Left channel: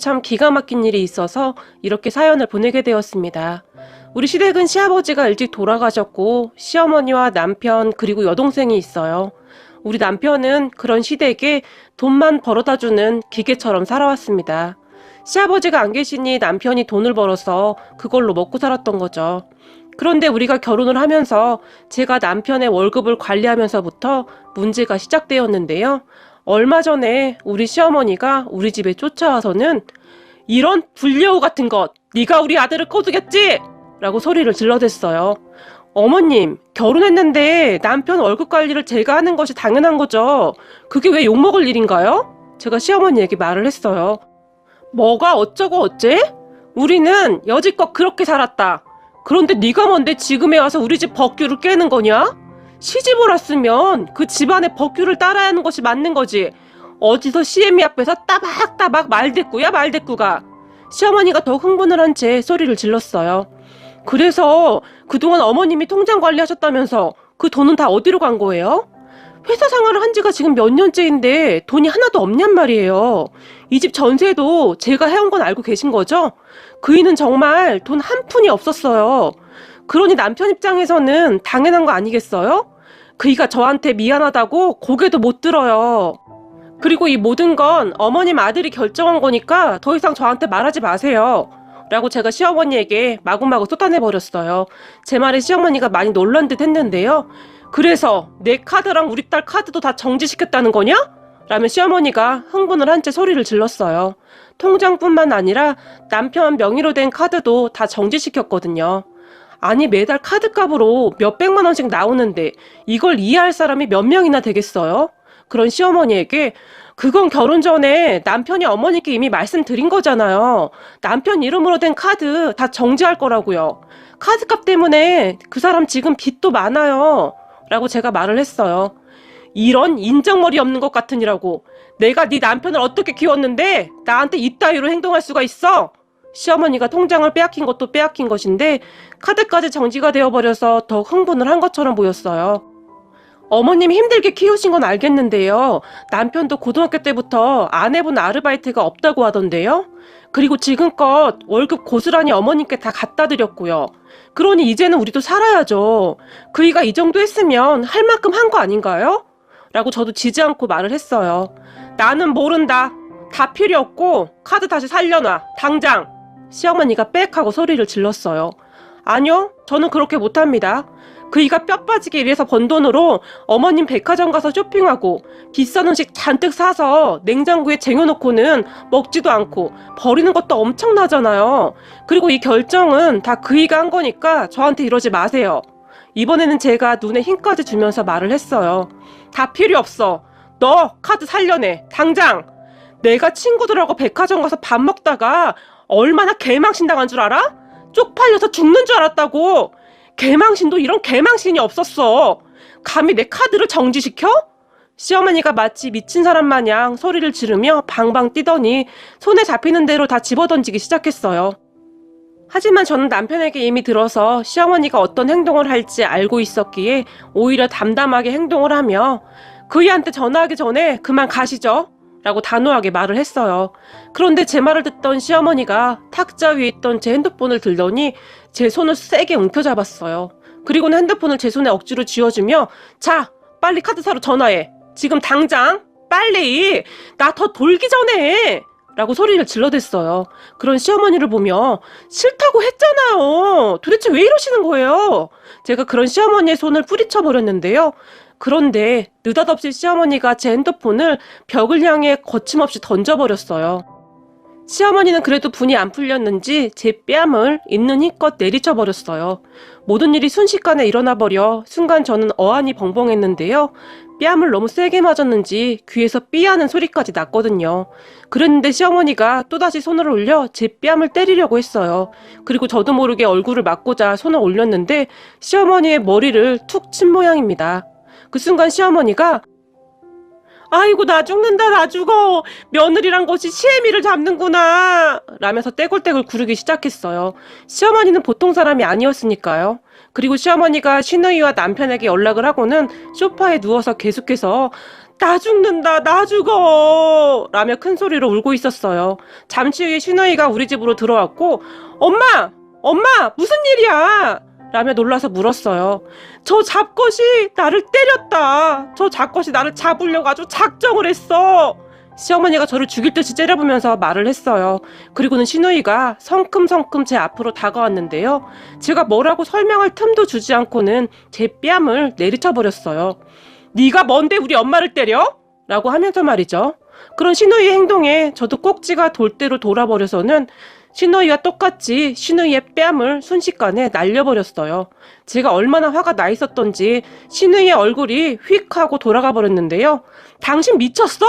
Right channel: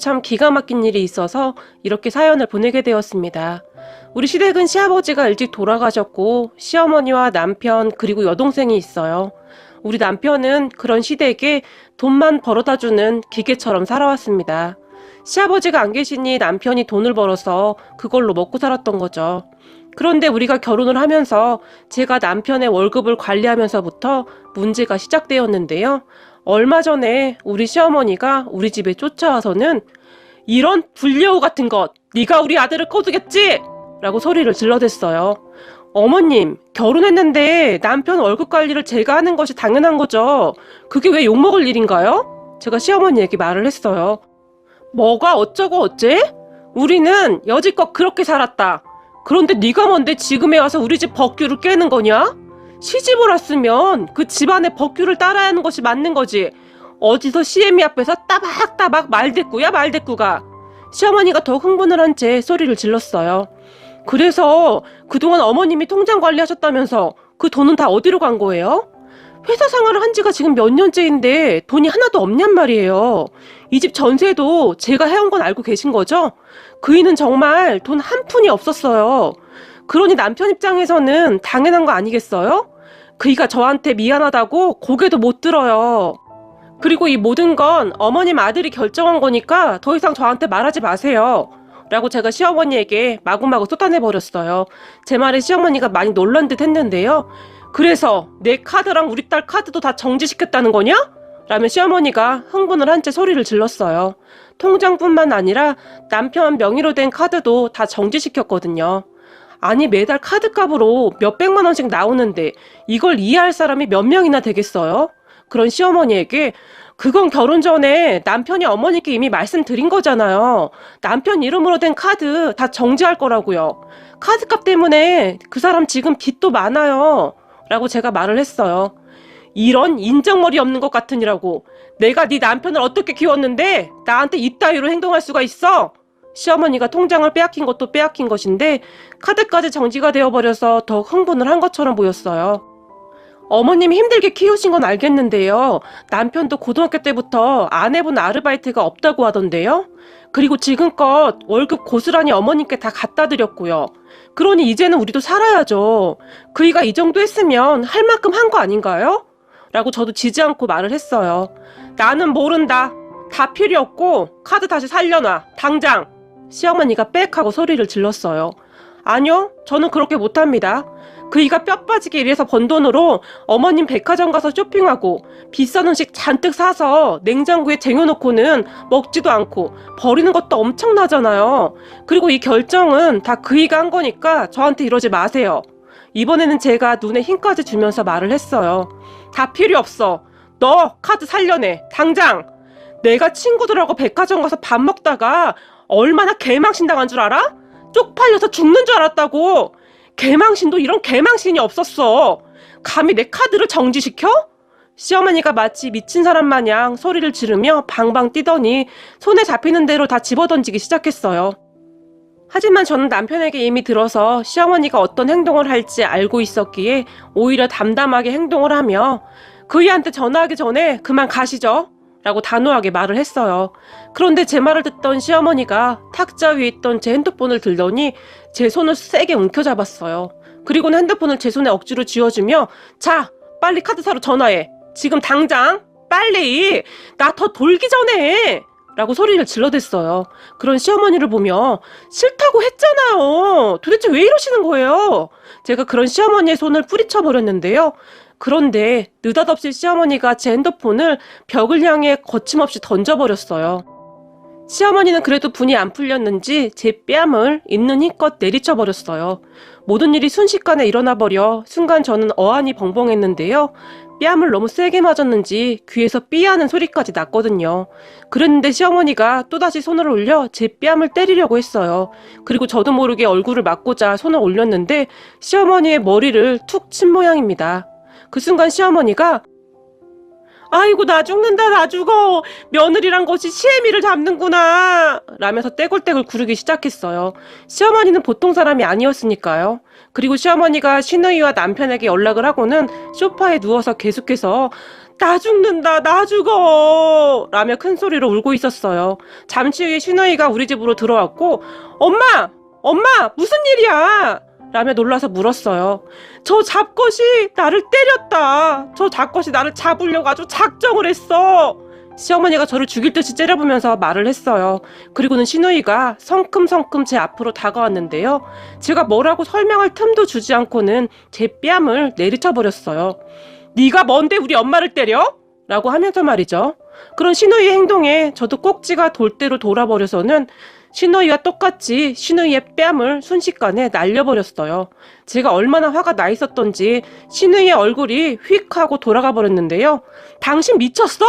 참 기가 막힌 일이 있어서 이렇게 사연을 보내게 되었습니다. 우리 시댁은 시아버지가 일찍 돌아가셨고 시어머니와 남편 그리고 여동생이 있어요. 우리 남편은 그런 시댁에 돈만 벌어다주는 기계처럼 살아왔습니다. 시아버지가 안 계시니 남편이 돈을 벌어서 그걸로 먹고 살았던 거죠. 그런데 우리가 결혼을 하면서 제가 남편의 월급을 관리하면서부터 문제가 시작되었는데요. 얼마 전에 우리 시어머니가 우리 집에 쫓아와서는 이런 불려우 같은 것, 네가 우리 아들을 꼬드겼지? 라고 소리를 질러댔어요. 어머님, 결혼했는데 남편 월급 관리를 제가 하는 것이 당연한 거죠. 그게 왜 욕먹을 일인가요? 제가 시어머니에게 말을 했어요. 뭐가 어쩌고 어째? 우리는 여지껏 그렇게 살았다. 그런데 네가 뭔데 지금에 와서 우리 집 법규를 깨는 거냐? 시집을 왔으면 그 집안의 법규를 따라야 하는 것이 맞는 거지. 어디서 시애미 앞에서 따박따박 말대꾸야 말대꾸가. 시어머니가 더 흥분을 한 채 소리를 질렀어요. 그래서 그동안 어머님이 통장 관리하셨다면서 그 돈은 다 어디로 간 거예요? 회사 생활을 한 지가 지금 몇 년째인데 돈이 하나도 없냔 말이에요. 이 집 전세도 제가 해온 건 알고 계신 거죠? 그이는 정말 돈 한 푼이 없었어요. 그러니 남편 입장에서는 당연한 거 아니겠어요? 그이가 저한테 미안하다고 고개도 못 들어요. 그리고 이 모든 건 어머님 아들이 결정한 거니까 더 이상 저한테 말하지 마세요. 라고 제가 시어머니에게 마구마구 쏟아내버렸어요. 제 말에 시어머니가 많이 놀란 듯 했는데요. 그래서 내 카드랑 우리 딸 카드도 다 정지시켰다는 거냐? 라며 시어머니가 흥분을 한 채 소리를 질렀어요. 통장뿐만 아니라 남편 명의로 된 카드도 다 정지시켰거든요. 아니 매달 카드값으로 몇백만 원씩 나오는데 이걸 이해할 사람이 몇 명이나 되겠어요? 그런 시어머니에게 그건 결혼 전에 남편이 어머니께 이미 말씀드린 거잖아요. 남편 이름으로 된 카드 다 정지할 거라고요. 카드값 때문에 그 사람 지금 빚도 많아요. 라고 제가 말을 했어요. 이런 인정머리 없는 것 같으니라고. 내가 네 남편을 어떻게 키웠는데 나한테 이따위로 행동할 수가 있어? 시어머니가 통장을 빼앗긴 것도 빼앗긴 것인데 카드까지 정지가 되어버려서 더 흥분을 한 것처럼 보였어요. 어머님이 힘들게 키우신 건 알겠는데요. 남편도 고등학교 때부터 안 해본 아르바이트가 없다고 하던데요. 그리고 지금껏 월급 고스란히 어머님께 다 갖다 드렸고요. 그러니 이제는 우리도 살아야죠. 그이가 이 정도 했으면 할 만큼 한 거 아닌가요? 라고 저도 지지 않고 말을 했어요. 나는 모른다. 다 필요 없고 카드 다시 살려놔. 당장. 시어머니가 빽 하고 소리를 질렀어요. 아니요. 저는 그렇게 못합니다. 그이가 뼈 빠지기 위해서 번 돈으로 어머님 백화점 가서 쇼핑하고 비싼 음식 잔뜩 사서 냉장고에 쟁여놓고는 먹지도 않고 버리는 것도 엄청나잖아요. 그리고 이 결정은 다 그이가 한 거니까 저한테 이러지 마세요. 이번에는 제가 눈에 힘까지 주면서 말을 했어요. 다 필요 없어. 너 카드 살려내. 당장. 내가 친구들하고 백화점 가서 밥 먹다가 얼마나 개망신 당한 줄 알아? 쪽팔려서 죽는 줄 알았다고. 개망신도 이런 개망신이 없었어. 감히 내 카드를 정지시켜? 시어머니가 마치 미친 사람 마냥 소리를 지르며 방방 뛰더니 손에 잡히는 대로 다 집어던지기 시작했어요. 하지만 저는 남편에게 이미 들어서 시어머니가 어떤 행동을 할지 알고 있었기에 오히려 담담하게 행동을 하며 그이한테 전화하기 전에 그만 가시죠. 라고 단호하게 말을 했어요. 그런데 제 말을 듣던 시어머니가 탁자 위에 있던 제 핸드폰을 들더니 제 손을 세게 움켜잡았어요. 그리고는 핸드폰을 제 손에 억지로 쥐어주며 자, 빨리 카드사로 전화해. 지금 당장. 빨리. 나 더 돌기 전에. 라고 소리를 질러댔어요. 그런 시어머니를 보며 싫다고 했잖아요. 도대체 왜 이러시는 거예요? 제가 그런 시어머니의 손을 뿌리쳐버렸는데요. 그런데 느닷없이 시어머니가 제 핸드폰을 벽을 향해 거침없이 던져버렸어요. 시어머니는 그래도 분이 안 풀렸는지 제 뺨을 있는 힘껏 내리쳐버렸어요. 모든 일이 순식간에 일어나버려 순간 저는 어안이 벙벙했는데요. 뺨을 너무 세게 맞았는지 귀에서 삐하는 소리까지 났거든요. 그랬는데 시어머니가 또다시 손을 올려 제 뺨을 때리려고 했어요. 그리고 저도 모르게 얼굴을 맞고자 손을 올렸는데 시어머니의 머리를 툭 친 모양입니다. 그 순간 시어머니가 아이고 나 죽는다 나 죽어 며느리란 것이 시애미를 잡는구나 라면서 떼굴떼굴 구르기 시작했어요. 시어머니는 보통 사람이 아니었으니까요. 그리고 시어머니가 시누이와 남편에게 연락을 하고는 소파에 누워서 계속해서 나 죽는다 나 죽어 라며 큰 소리로 울고 있었어요. 잠시 후에 신우이가 우리 집으로 들어왔고 엄마 무슨 일이야? 라며 놀라서 물었어요. 저 잡것이 나를 때렸다. 저 잡것이 나를 잡으려고 아주 작정을 했어. 시어머니가 저를 죽일 듯이 째려보면서 말을 했어요. 그리고는 신우이가 성큼성큼 제 앞으로 다가왔는데요. 제가 뭐라고 설명할 틈도 주지 않고는 제 뺨을 내리쳐버렸어요. 네가 뭔데 우리 엄마를 때려? 라고 하면서 말이죠. 그런 신우이의 행동에 저도 꼭지가 돌대로 돌아버려서는 신우이와 똑같이 신우이의 뺨을 순식간에 날려버렸어요. 제가 얼마나 화가 나 있었던지 신우이의 얼굴이 휙 하고 돌아가 버렸는데요. 당신 미쳤어?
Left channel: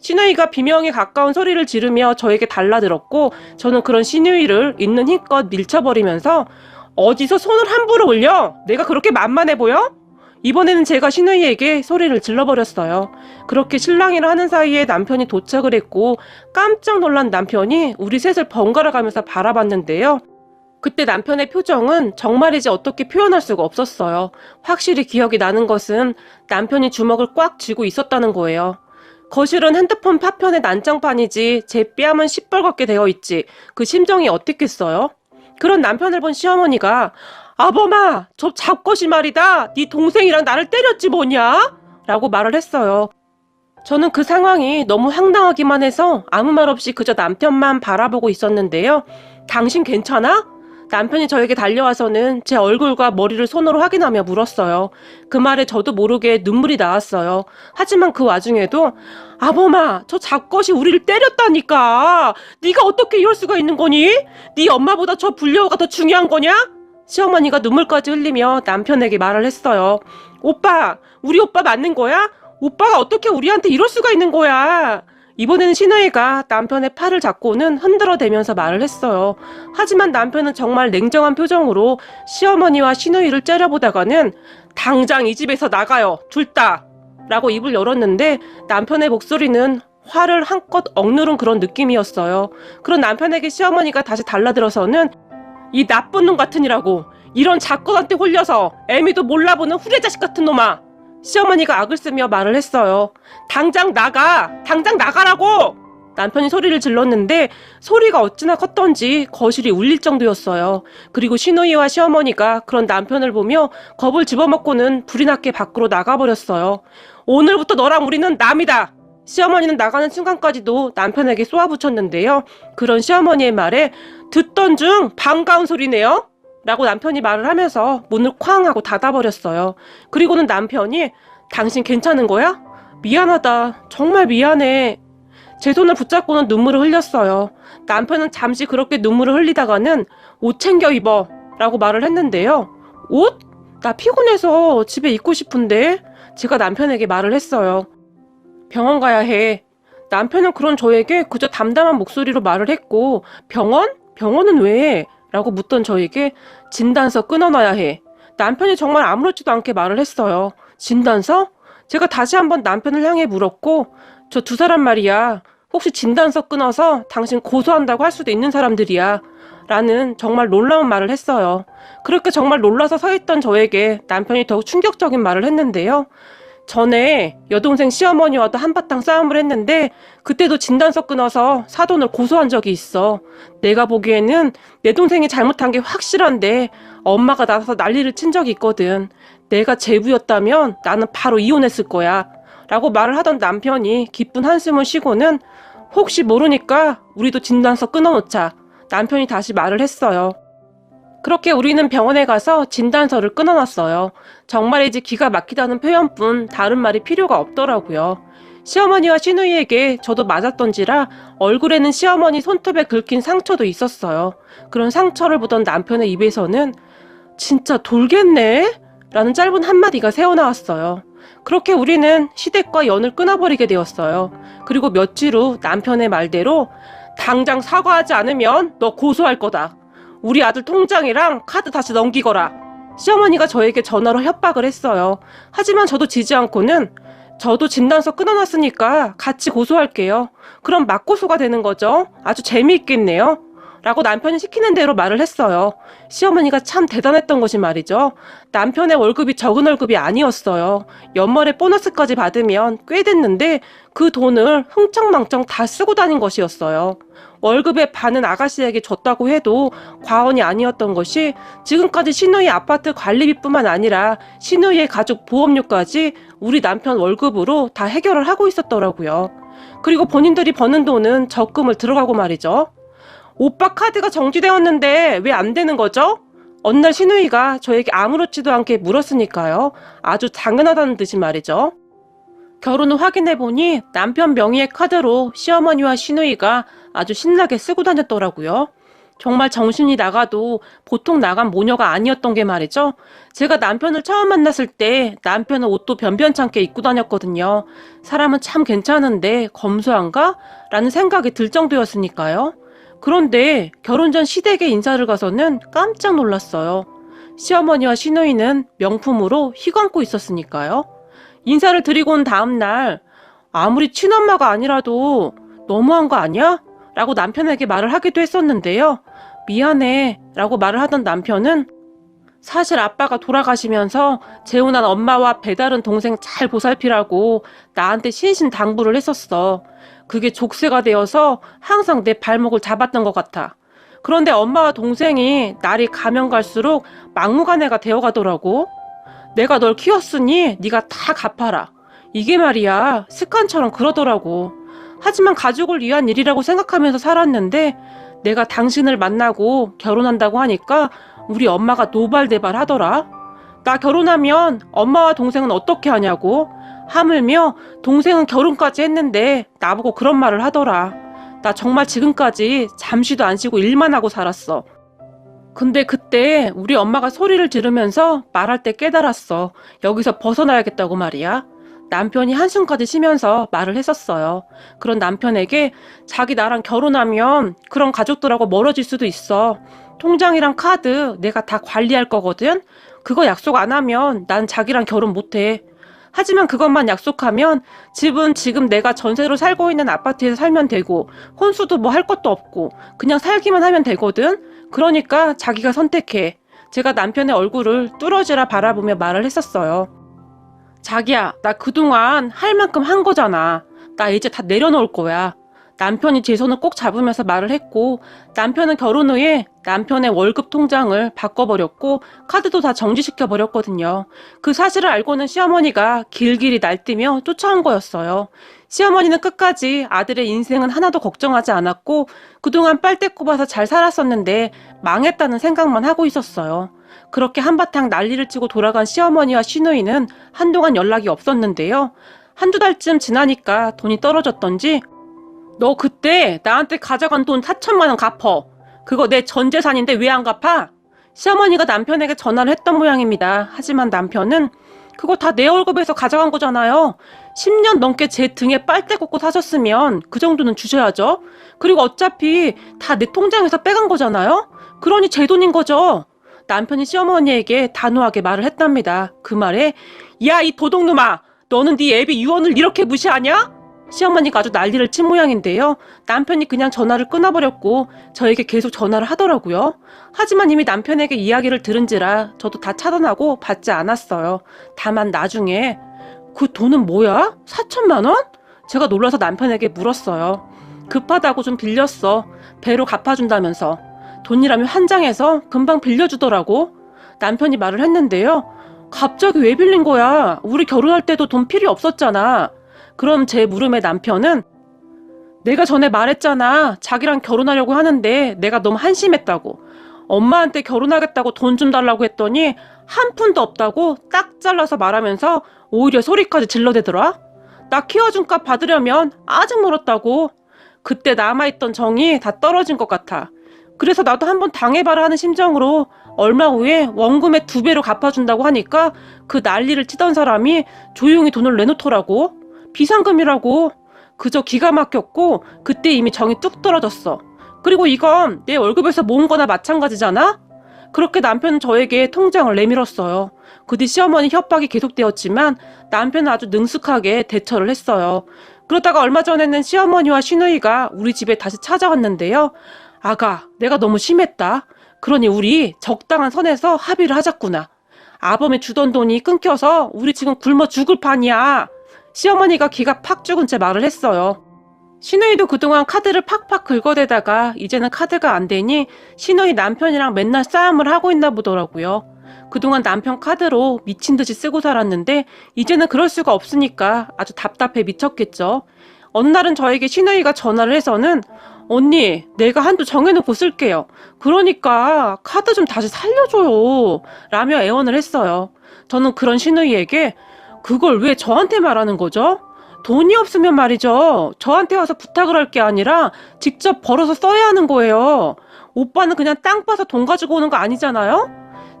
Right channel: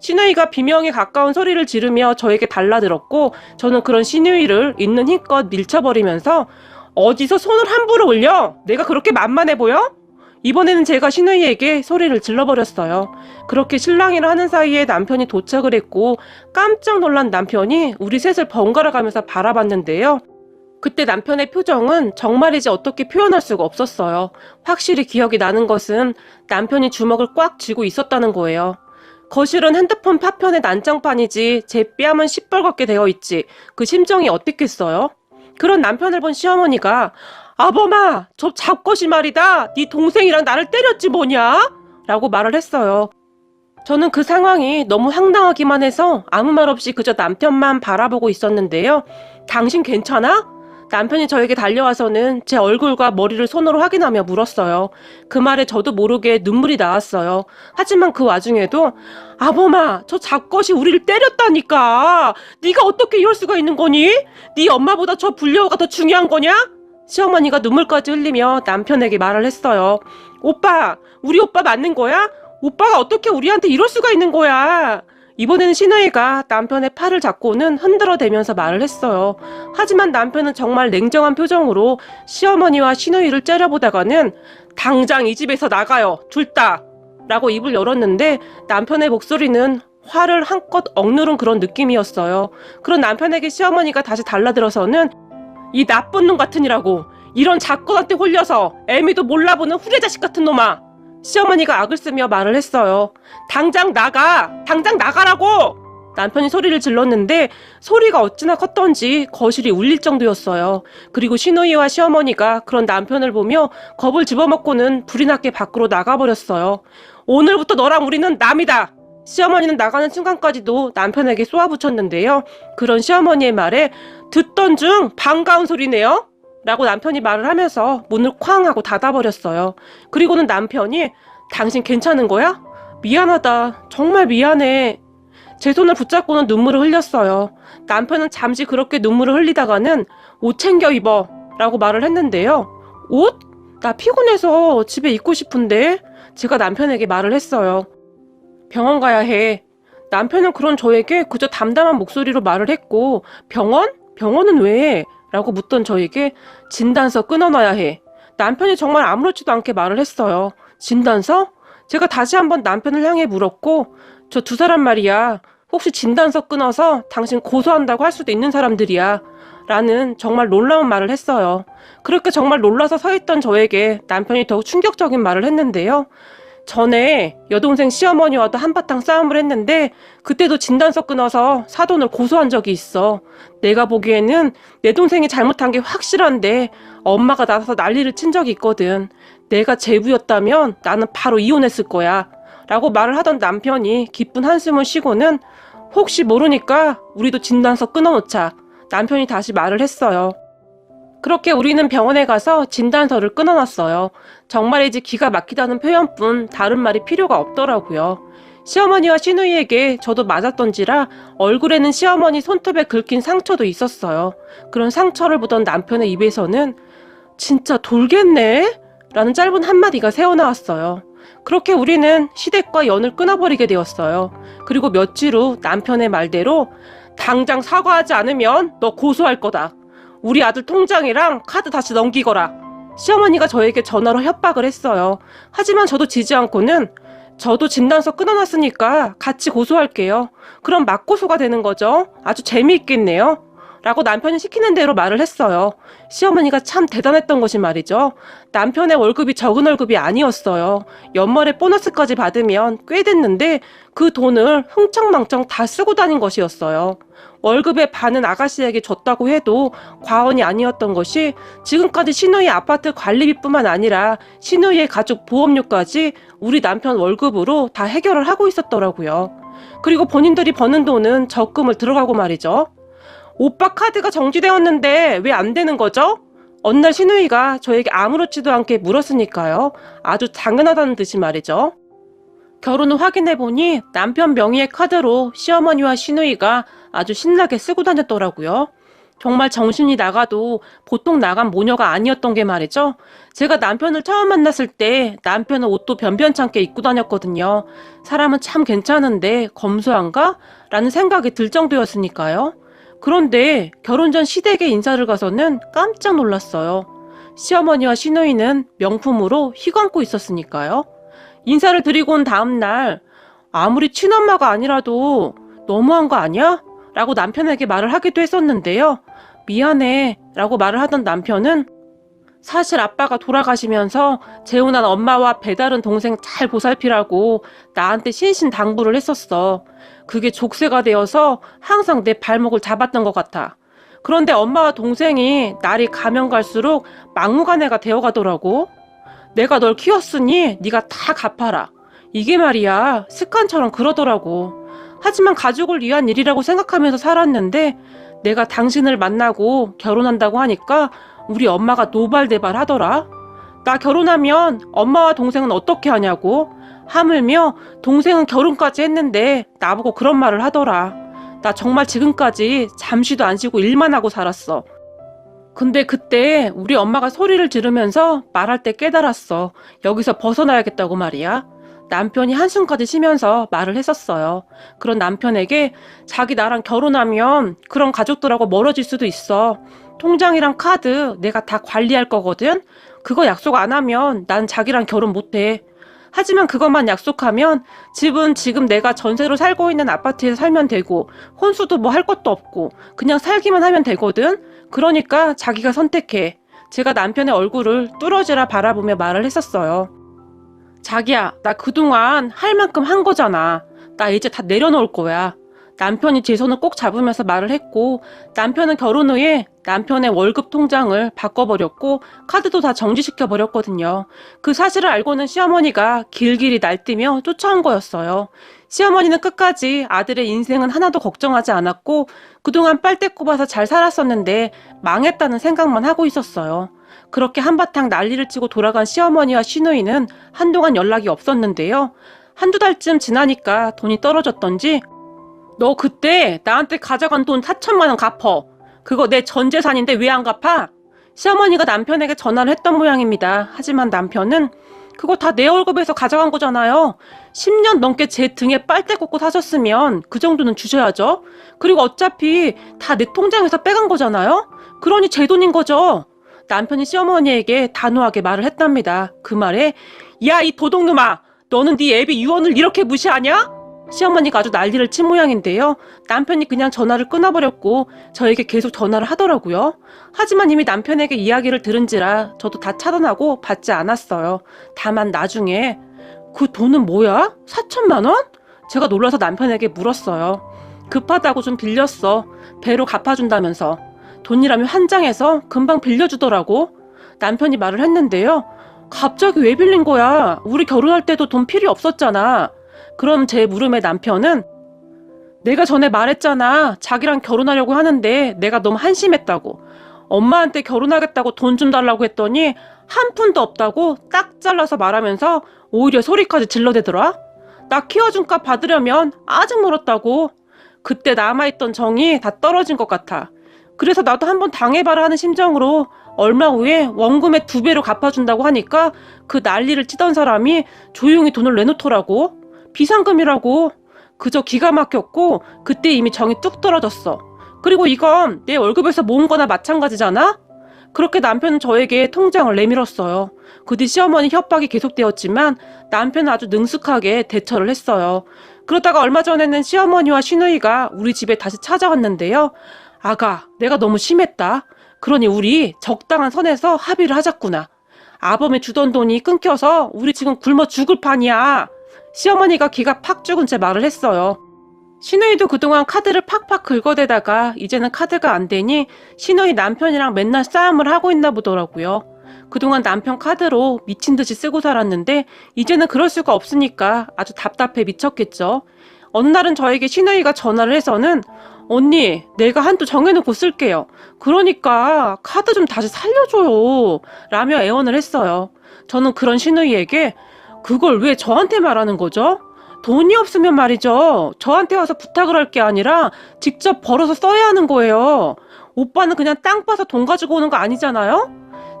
신우이가 비명에 가까운 소리를 지르며 저에게 달라들었고 저는 그런 신우이를 있는 힘껏 밀쳐버리면서 어디서 손을 함부로 올려? 내가 그렇게 만만해 보여? 이번에는 제가 신우이에게 소리를 질러버렸어요. 그렇게 실랑이를 하는 사이에 남편이 도착을 했고 깜짝 놀란 남편이 우리 셋을 번갈아 가면서 바라봤는데요. 그때 남편의 표정은 정말이지 어떻게 표현할 수가 없었어요. 확실히 기억이 나는 것은 남편이 주먹을 꽉 쥐고 있었다는 거예요. 거실은 핸드폰 파편의 난장판이지 제 뺨은 시뻘겋게 되어 있지 그 심정이 어땠겠어요? 그런 남편을 본 시어머니가 아범아 저 잡것이 말이다 네 동생이랑 나를 때렸지 뭐냐? 라고 말을 했어요. 저는 그 상황이 너무 황당하기만 해서 아무 말 없이 그저 남편만 바라보고 있었는데요. 당신 괜찮아? 남편이 저에게 달려와서는 제 얼굴과 머리를 손으로 확인하며 물었어요. 그 말에 저도 모르게 눈물이 나왔어요. 하지만 그 와중에도 아범아 저 잡것이 우리를 때렸다니까 네가 어떻게 이럴 수가 있는 거니? 네 엄마보다 저 불려가 더 중요한 거냐? 시어머니가 눈물까지 흘리며 남편에게 말을 했어요. 오빠 우리 오빠 맞는 거야? 오빠가 어떻게 우리한테 이럴 수가 있는 거야? 이번에는 신우이가 남편의 팔을 잡고는 흔들어대면서 말을 했어요. 하지만 남편은 정말 냉정한 표정으로 시어머니와 신우이를 째려보다가는 당장 이 집에서 나가요. 둘 다. 라고 입을 열었는데 남편의 목소리는 화를 한껏 억누른 그런 느낌이었어요. 그런 남편에게 시어머니가 다시 달라들어서는 이 나쁜 놈 같으니라고 이런 작것한테 홀려서 애미도 몰라보는 후레자식 같은 놈아. 시어머니가 악을 쓰며 말을 했어요. 당장 나가! 당장 나가라고! 남편이 소리를 질렀는데 소리가 어찌나 컸던지 거실이 울릴 정도였어요. 그리고 신우이와 시어머니가 그런 남편을 보며 겁을 집어먹고는 불이 났게 밖으로 나가버렸어요. 오늘부터 너랑 우리는 남이다! 시어머니는 나가는 순간까지도 남편에게 쏘아붙였는데요. 그런 시어머니의 말에 듣던 중 반가운 소리네요. 라고 남편이 말을 하면서 문을 쾅 하고 닫아버렸어요. 그리고는 남편이 당신 괜찮은 거야? 미안하다. 정말 미안해. 제 손을 붙잡고는 눈물을 흘렸어요. 남편은 잠시 그렇게 눈물을 흘리다가는 옷 챙겨 입어 라고 말을 했는데요. 옷? 나 피곤해서 집에 있고 싶은데? 제가 남편에게 말을 했어요. 병원 가야 해. 남편은 그런 저에게 그저 담담한 목소리로 말을 했고 병원? 병원은 왜? 라고 묻던 저에게 진단서 끊어놔야 해. 남편이 정말 아무렇지도 않게 말을 했어요. 진단서? 제가 다시 한번 남편을 향해 물었고 저 두 사람 말이야. 혹시 진단서 끊어서 당신 고소한다고 할 수도 있는 사람들이야. 라는 정말 놀라운 말을 했어요. 그렇게 정말 놀라서 서 있던 저에게 남편이 더욱 충격적인 말을 했는데요. 전에 여동생 시어머니와도 한바탕 싸움을 했는데 그때도 진단서 끊어서 사돈을 고소한 적이 있어. 내가 보기에는 내 동생이 잘못한 게 확실한데 엄마가 나서서 난리를 친 적이 있거든. 내가 제부였다면 나는 바로 이혼했을 거야. 라고 말을 하던 남편이 기쁜 한숨을 쉬고는 혹시 모르니까 우리도 진단서 끊어놓자. 남편이 다시 말을 했어요. 그렇게 우리는 병원에 가서 진단서를 끊어놨어요. 정말이지 기가 막히다는 표현뿐 다른 말이 필요가 없더라고요. 시어머니와 시누이에게 저도 맞았던지라 얼굴에는 시어머니 손톱에 긁힌 상처도 있었어요. 그런 상처를 보던 남편의 입에서는 진짜 돌겠네? 라는 짧은 한마디가 새어나왔어요. 그렇게 우리는 시댁과 연을 끊어버리게 되었어요. 그리고 며칠 후 남편의 말대로 당장 사과하지 않으면 너 고소할 거다. 우리 아들 통장이랑 카드 다시 넘기거라. 시어머니가 저에게 전화로 협박을 했어요. 하지만 저도 지지 않고는 저도 진단서 끊어놨으니까 같이 고소할게요. 그럼 맞고소가 되는 거죠. 아주 재미있겠네요. 라고 남편이 시키는 대로 말을 했어요. 시어머니가 참 대단했던 것이 말이죠. 남편의 월급이 적은 월급이 아니었어요. 연말에 보너스까지 받으면 꽤 됐는데 그 돈을 흥청망청 다 쓰고 다닌 것이었어요. 월급의 반은 아가씨에게 줬다고 해도 과언이 아니었던 것이 지금까지 시누이 아파트 관리비뿐만 아니라 시누이의 가족 보험료까지 우리 남편 월급으로 다 해결을 하고 있었더라고요. 그리고 본인들이 버는 돈은 적금을 들어가고 말이죠. 오빠 카드가 정지되었는데 왜 안 되는 거죠? 어느 날 시누이가 저에게 아무렇지도 않게 물었으니까요. 아주 당연하다는 듯이 말이죠. 결혼 후 확인해보니 남편 명의의 카드로 시어머니와 시누이가 아주 신나게 쓰고 다녔더라고요. 정말 정신이 나가도 보통 나간 모녀가 아니었던 게 말이죠. 제가 남편을 처음 만났을 때 남편은 옷도 변변찮게 입고 다녔거든요. 사람은 참 괜찮은데 검소한가? 라는 생각이 들 정도였으니까요. 그런데 결혼 전 시댁에 인사를 가서는 깜짝 놀랐어요. 시어머니와 시누이는 명품으로 휘감고 있었으니까요. 인사를 드리고 온 다음날 아무리 친엄마가 아니라도 너무한 거 아니야? 라고 남편에게 말을 하기도 했었는데요. 미안해 라고 말을 하던 남편은 사실 아빠가 돌아가시면서 재혼한 엄마와 배다른 동생 잘 보살피라고 나한테 신신당부를 했었어. 그게 족쇄가 되어서 항상 내 발목을 잡았던 것 같아. 그런데 엄마와 동생이 날이 가면 갈수록 막무가내가 되어가더라고. 내가 널 키웠으니 네가 다 갚아라. 이게 말이야 습관처럼 그러더라고. 하지만 가족을 위한 일이라고 생각하면서 살았는데 내가 당신을 만나고 결혼한다고 하니까 우리 엄마가 노발대발 하더라. 나 결혼하면 엄마와 동생은 어떻게 하냐고. 하물며 동생은 결혼까지 했는데 나보고 그런 말을 하더라. 나 정말 지금까지 잠시도 안 쉬고 일만 하고 살았어. 근데 그때 우리 엄마가 소리를 지르면서 말할 때 깨달았어. 여기서 벗어나야겠다고 말이야. 남편이 한숨까지 쉬면서 말을 했었어요. 그런 남편에게 자기 나랑 결혼하면 그런 가족들하고 멀어질 수도 있어. 통장이랑 카드 내가 다 관리할 거거든. 그거 약속 안 하면 난 자기랑 결혼 못해. 하지만 그것만 약속하면 집은 지금 내가 전세로 살고 있는 아파트에 살면 되고 혼수도 뭐 할 것도 없고 그냥 살기만 하면 되거든. 그러니까 자기가 선택해. 제가 남편의 얼굴을 뚫어지라 바라보며 말을 했었어요. 자기야, 나 그동안 할 만큼 한 거잖아. 나 이제 다 내려놓을 거야. 남편이 제 손을 꼭 잡으면서 말을 했고 남편은 결혼 후에 남편의 월급 통장을 바꿔버렸고 카드도 다 정지시켜버렸거든요. 그 사실을 알고는 시어머니가 길길이 날뛰며 쫓아온 거였어요. 시어머니는 끝까지 아들의 인생은 하나도 걱정하지 않았고 그동안 빨대 꼽아서 잘 살았었는데 망했다는 생각만 하고 있었어요. 그렇게 한바탕 난리를 치고 돌아간 시어머니와 시누이는 한동안 연락이 없었는데요. 한두 달쯤 지나니까 돈이 떨어졌던지 너 그때 나한테 가져간 돈 4천만 원 갚어. 그거 내 전 재산인데 왜 안 갚아? 시어머니가 남편에게 전화를 했던 모양입니다. 하지만 남편은 그거 다 내 월급에서 가져간 거잖아요. 10년 넘게 제 등에 빨대 꽂고 사셨으면 그 정도는 주셔야죠. 그리고 어차피 다 내 통장에서 빼간 거잖아요. 그러니 제 돈인 거죠. 남편이 시어머니에게 단호하게 말을 했답니다. 그 말에 야 이 도둑놈아 너는 네 애비 유언을 이렇게 무시하냐? 시어머니가 아주 난리를 친 모양인데요. 남편이 그냥 전화를 끊어버렸고 저에게 계속 전화를 하더라고요. 하지만 이미 남편에게 이야기를 들은지라 저도 다 차단하고 받지 않았어요. 다만 나중에 그 돈은 뭐야? 4천만 원? 제가 놀라서 남편에게 물었어요. 급하다고 좀 빌렸어. 배로 갚아준다면서. 돈이라면 한 장에서 금방 빌려주더라고. 남편이 말을 했는데요. 갑자기 왜 빌린 거야? 우리 결혼할 때도 돈 필요 없었잖아. 그럼 제 물음에 남편은 내가 전에 말했잖아. 자기랑 결혼하려고 하는데 내가 너무 한심했다고. 엄마한테 결혼하겠다고 돈 좀 달라고 했더니 한 푼도 없다고 딱 잘라서 말하면서 오히려 소리까지 질러대더라. 나 키워준 값 받으려면 아직 멀었다고. 그때 남아있던 정이 다 떨어진 것 같아. 그래서 나도 한번 당해봐라 하는 심정으로 얼마 후에 원금의 2배로 갚아준다고 하니까 그 난리를 치던 사람이 조용히 돈을 내놓더라고. 비상금이라고. 그저 기가 막혔고 그때 이미 정이 뚝 떨어졌어. 그리고 이건 내 월급에서 모은 거나 마찬가지잖아? 그렇게 남편은 저에게 통장을 내밀었어요. 그 뒤 시어머니 협박이 계속되었지만 남편은 아주 능숙하게 대처를 했어요. 그러다가 얼마 전에는 시어머니와 시누이가 우리 집에 다시 찾아왔는데요. 아가, 내가 너무 심했다. 그러니 우리 적당한 선에서 합의를 하자꾸나. 아범이 주던 돈이 끊겨서 우리 지금 굶어 죽을 판이야. 시어머니가 기가 팍 죽은 채 말을 했어요. 신우이도 그동안 카드를 팍팍 긁어대다가 이제는 카드가 안 되니 신우이 남편이랑 맨날 싸움을 하고 있나 보더라고요. 그동안 남편 카드로 미친 듯이 쓰고 살았는데 이제는 그럴 수가 없으니까 아주 답답해 미쳤겠죠. 어느 날은 저에게 신우이가 전화를 해서는 언니, 내가 한도 정해놓고 쓸게요. 그러니까 카드 좀 다시 살려줘요. 라며 애원을 했어요. 저는 그런 신우이에게 그걸 왜 저한테 말하는 거죠? 돈이 없으면 말이죠. 저한테 와서 부탁을 할 게 아니라 직접 벌어서 써야 하는 거예요. 오빠는 그냥 땅 파서 돈 가지고 오는 거 아니잖아요?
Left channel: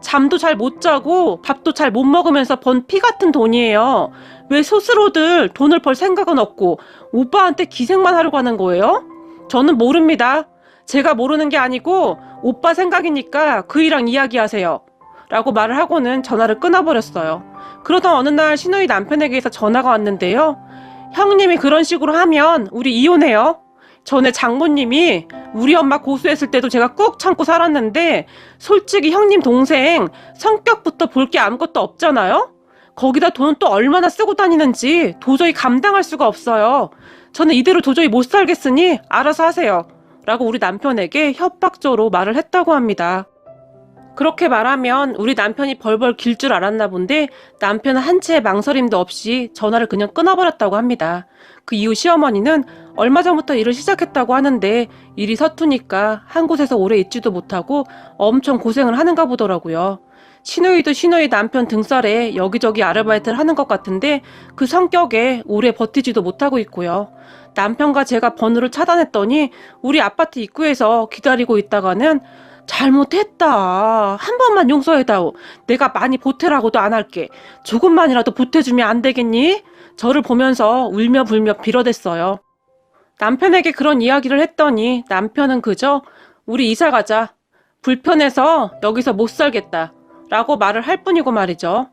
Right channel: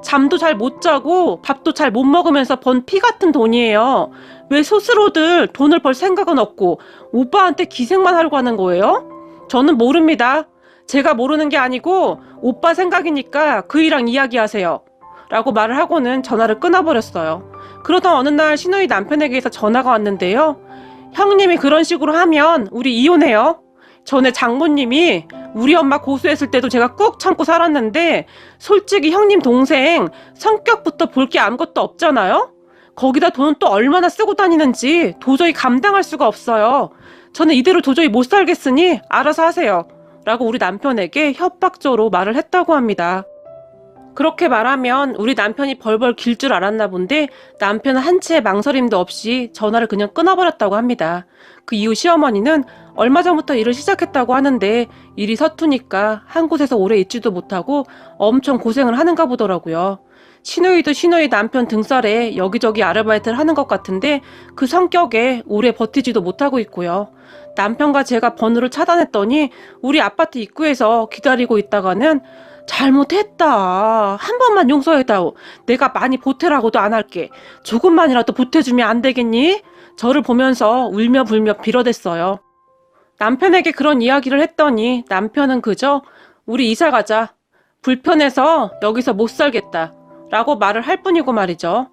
잠도 잘 못 자고 밥도 잘 못 먹으면서 번 피 같은 돈이에요. 왜 스스로들 돈을 벌 생각은 없고 오빠한테 기생만 하려고 하는 거예요? 저는 모릅니다. 제가 모르는 게 아니고 오빠 생각이니까 그이랑 이야기하세요. 라고 말을 하고는 전화를 끊어버렸어요. 그러던 어느 날 신우이 남편에게서 전화가 왔는데요. 형님이 그런 식으로 하면 우리 이혼해요. 전에 장모님이 우리 엄마 고소했을 때도 제가 꾹 참고 살았는데 솔직히 형님 동생 성격부터 볼 게 아무것도 없잖아요. 거기다 돈은 또 얼마나 쓰고 다니는지 도저히 감당할 수가 없어요. 저는 이대로 도저히 못 살겠으니 알아서 하세요. 라고 우리 남편에게 협박조로 말을 했다고 합니다. 그렇게 말하면 우리 남편이 벌벌 길 줄 알았나 본데 남편은 한치의 망설임도 없이 전화를 그냥 끊어버렸다고 합니다. 그 이후 시어머니는 얼마 전부터 일을 시작했다고 하는데 일이 서투니까 한 곳에서 오래 있지도 못하고 엄청 고생을 하는가 보더라고요. 신우이도 신우이 남편 등살에 여기저기 아르바이트를 하는 것 같은데 그 성격에 오래 버티지도 못하고 있고요. 남편과 제가 번호를 차단했더니 우리 아파트 입구에서 기다리고 있다가는 잘못했다. 한 번만 용서해다오. 내가 많이 보태라고도 안 할게. 조금만이라도 보태주면 안 되겠니? 저를 보면서 울며 불며 빌어댔어요. 남편에게 그런 이야기를 했더니 남편은 그저 우리 이사 가자. 불편해서 여기서 못 살겠다. 라고 말을 할 뿐이고 말이죠.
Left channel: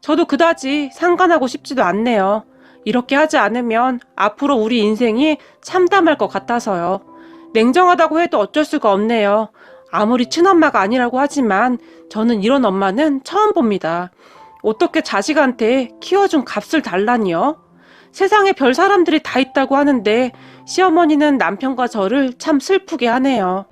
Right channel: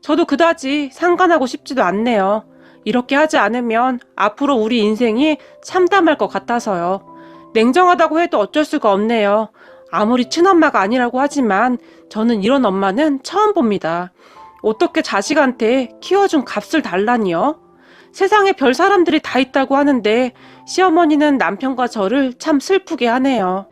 저도 그다지 상관하고 싶지도 않네요. 이렇게 하지 않으면 앞으로 우리 인생이 참담할 것 같아서요. 냉정하다고 해도 어쩔 수가 없네요. 아무리 친엄마가 아니라고 하지만 저는 이런 엄마는 처음 봅니다. 어떻게 자식한테 키워준 값을 달라니요? 세상에 별 사람들이 다 있다고 하는데 시어머니는 남편과 저를 참 슬프게 하네요.